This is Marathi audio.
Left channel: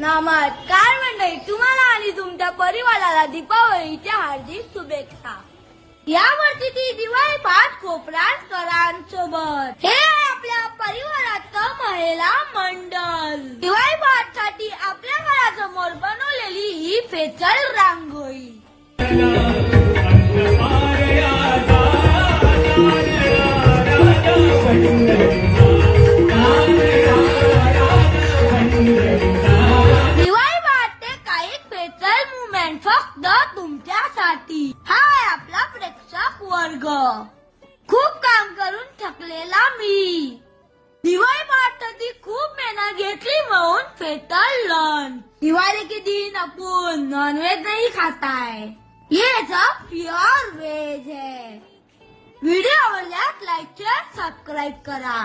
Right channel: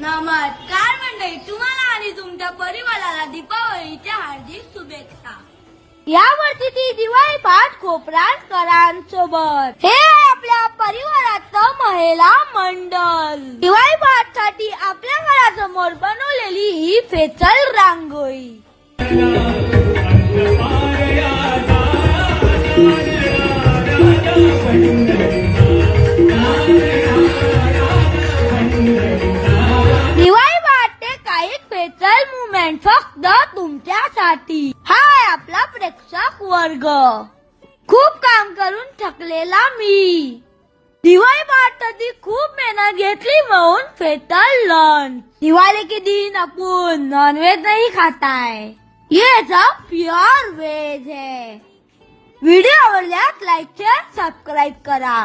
नमस्कार मंडळी, तुम्हाला आणि तुमच्या परिवाराला दीपावलीच्या हार्दिक शुभेच्छा. यावरती ती दिवाळी पाठ कोपरांकरांसोबत हे आपल्या परिवाराचं महिला मंडळ. दिवाळी पाठ साठी आपल्या घरासमोर बनवलेली ही फेसल रांगोळी. दिवाळी पाठचे काही स्पेशल मुवमेंट फक्त तुमच्यासाठी. हाय आपला प्रेक्षक वर्ग. खूप काम करून थकलेला मी. दिवाळी पाठसाठी खूप मेहनत घेतली म्हणून स्पेशल लंच. दिवाळी के दिन आपण नॉनव्हेज नहीं खाताय. ये सब प्योर वेज है. व्हिडिओ आवडल्यास लाईक शेअर सबस्क्राईब करा.